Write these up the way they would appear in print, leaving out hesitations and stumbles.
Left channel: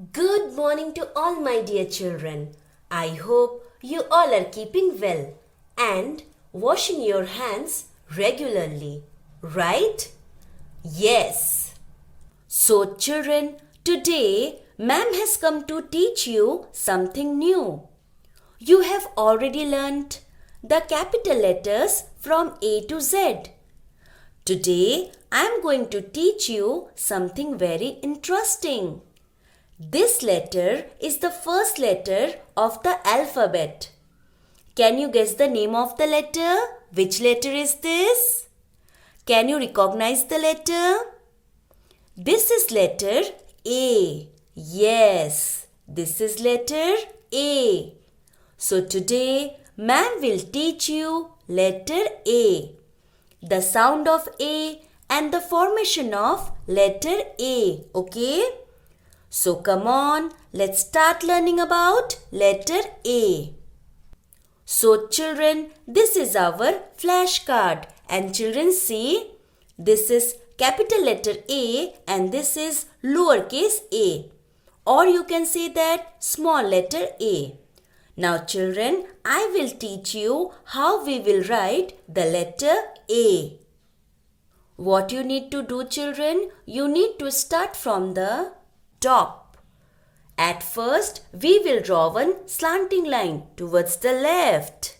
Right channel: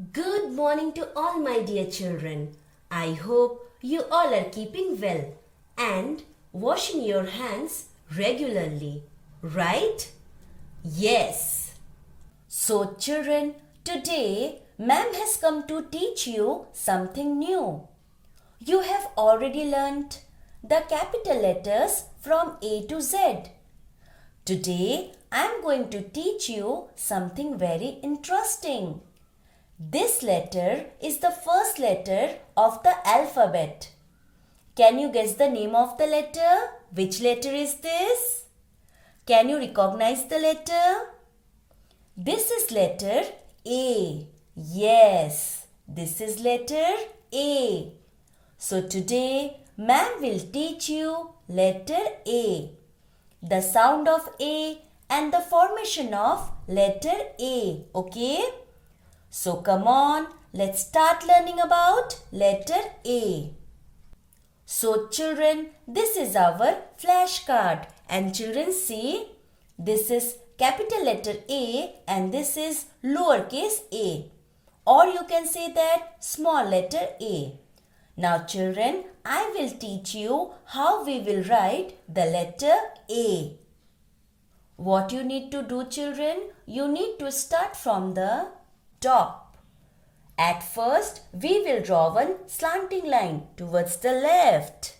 Good morning to all my dear children. I hope you all are keeping well and washing your hands regularly, right? Yes. So children, today ma'am has come to teach you something new. You have already learnt the capital letters from A to Z. Today I am going to teach you something very interesting. This letter is the first letter of the alphabet. Can you guess the name of the letter? Which letter is this? Can you recognize the letter? This is letter A. Yes, this is letter A. So today, ma'am will teach you letter A, the sound of A and the formation of letter A. Okay? So come on, let's start learning about letter A. So children, this is our flashcard and children see, this is capital letter A and this is lowercase a, or you can say that small letter a. Now children, I will teach you how we will write the letter A. What you need to do children, you need to start from the top. At first, we will draw one slanting line towards the left.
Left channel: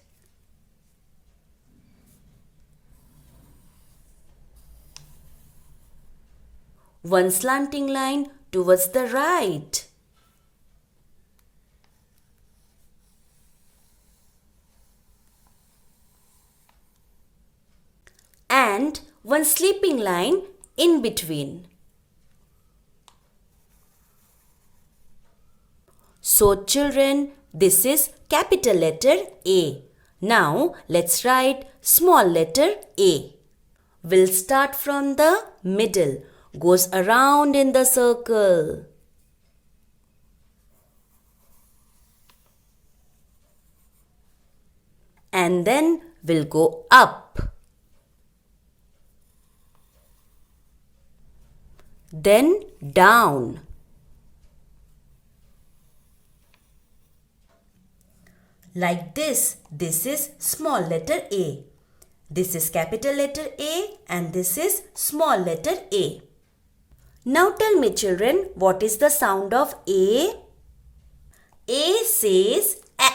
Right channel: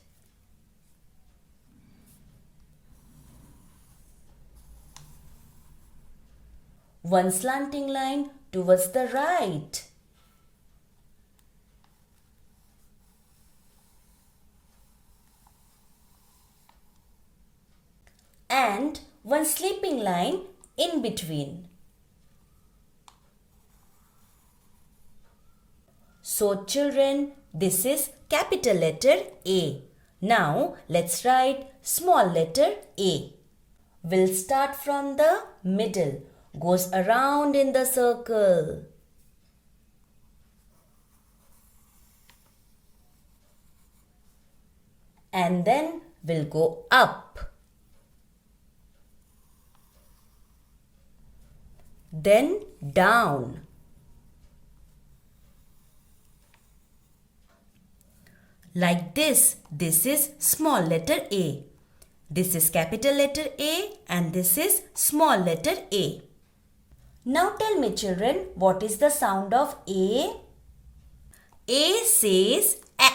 One slanting line towards the right. And one sleeping line in between. So children, this is capital letter A. Now let's write small letter a. We'll start from the middle, goes around in the circle. And then we'll go up. Then down. Like this is small letter A. This is capital letter A and this is small letter a. Now tell me children, what is the sound of A? A says A.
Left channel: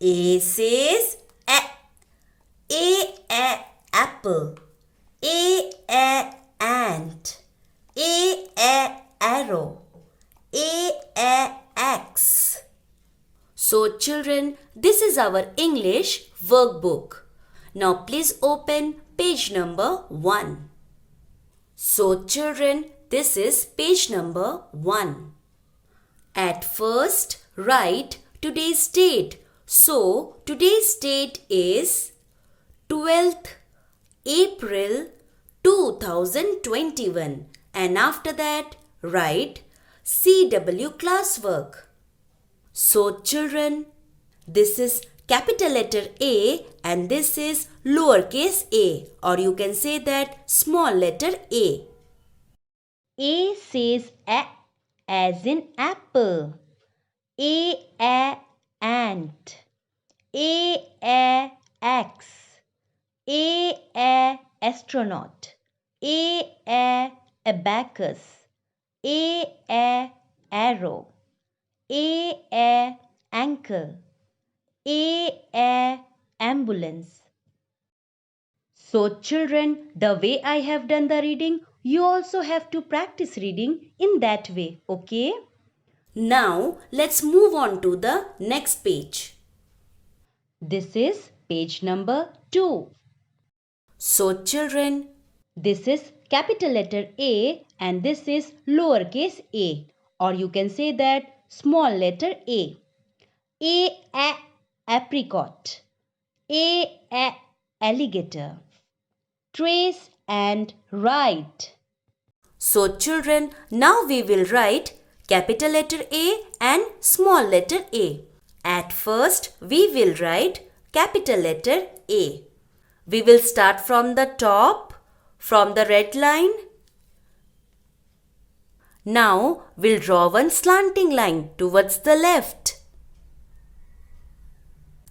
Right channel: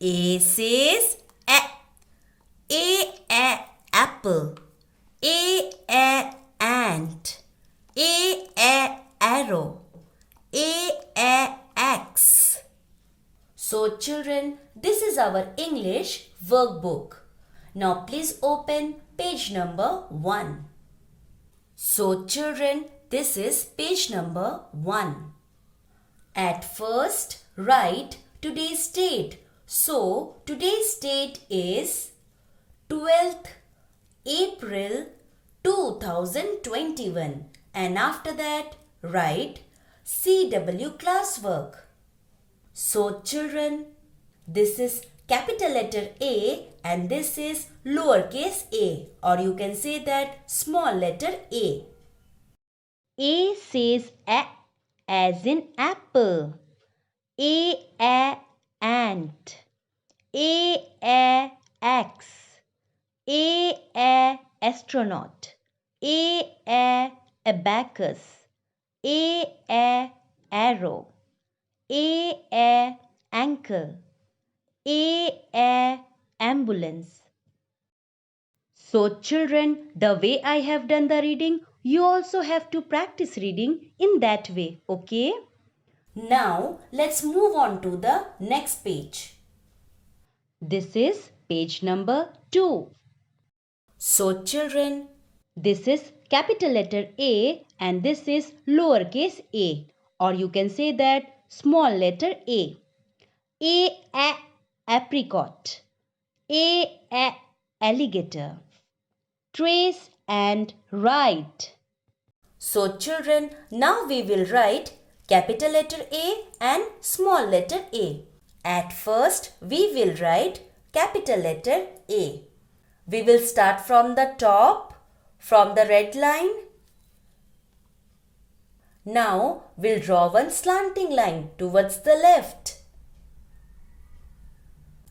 A says A. A apple. A ant. A arrow. A axe. So children, this is our English workbook. Now please open page number 1. So children, this is page number 1. At first, write today's date. So today's date is 12th April 2021. And after that, write CW classwork. So children, this is capital letter A and this is lowercase a, or you can say that small letter a. A says A as in apple. A ant. A axe. A astronaut. A abacus. A arrow. A ankle. A ambulance. So children, the way I have done the reading, you also have to practice reading in that way, okay? Now let's move on to the next page. This is page number 2. So children, this is capital letter A and this is lowercase a, or you can say that small letter a. A apricot. A alligator. Trace and write. So children, now we will write capital letter A and small letter a. At first, we will write capital letter A. We will start from the top, from the red line. Now we'll draw one slanting line towards the left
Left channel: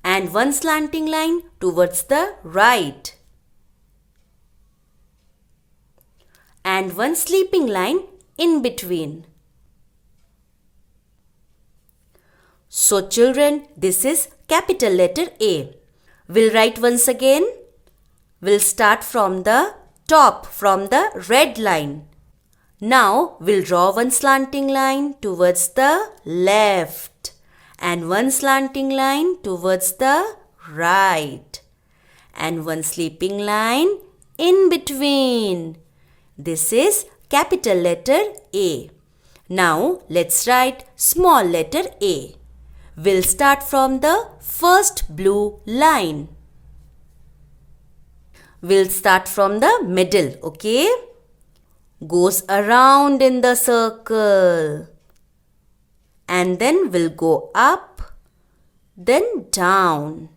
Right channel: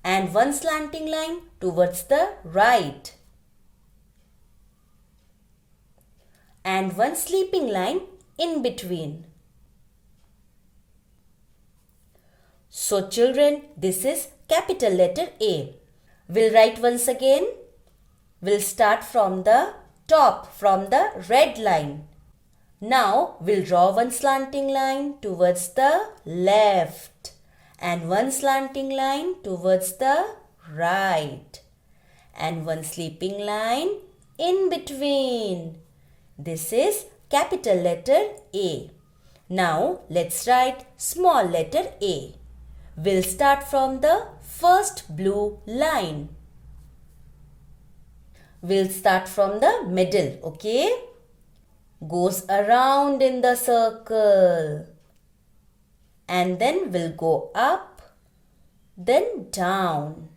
and one slanting line towards the right and one sleeping line in between. So children, this is capital letter A. We'll write once again. We'll start from the top, from the red line. Now we'll draw one slanting line towards the left and one slanting line towards the right and one sleeping line in between. This is capital letter A. Now let's write small letter a. We'll start from the first blue line. We'll start from the middle, okay? Goes around in the circle. And then we'll go up, then down.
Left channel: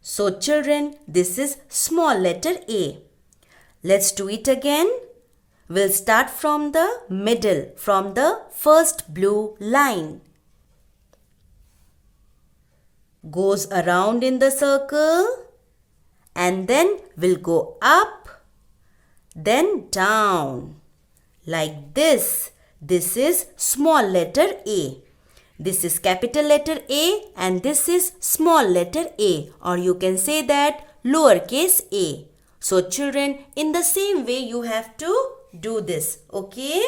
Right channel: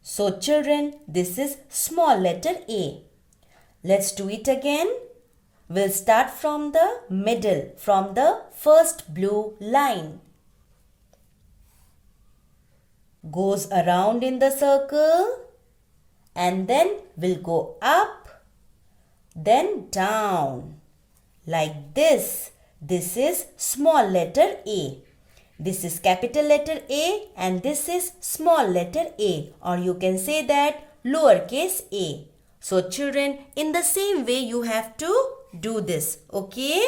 So children, this is small letter A. Let's do it again. We'll start from the middle, from the first blue line. Goes around in the circle and then we'll go up, then down. Like this. This is small letter A. This is capital letter A and this is small letter a, or you can say that lowercase a. So children, in the same way you have to do this, okay?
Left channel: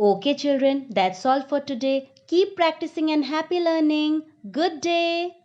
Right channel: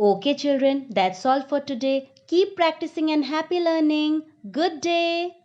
Okay children, that's all for today. Keep practicing and happy learning. Good day.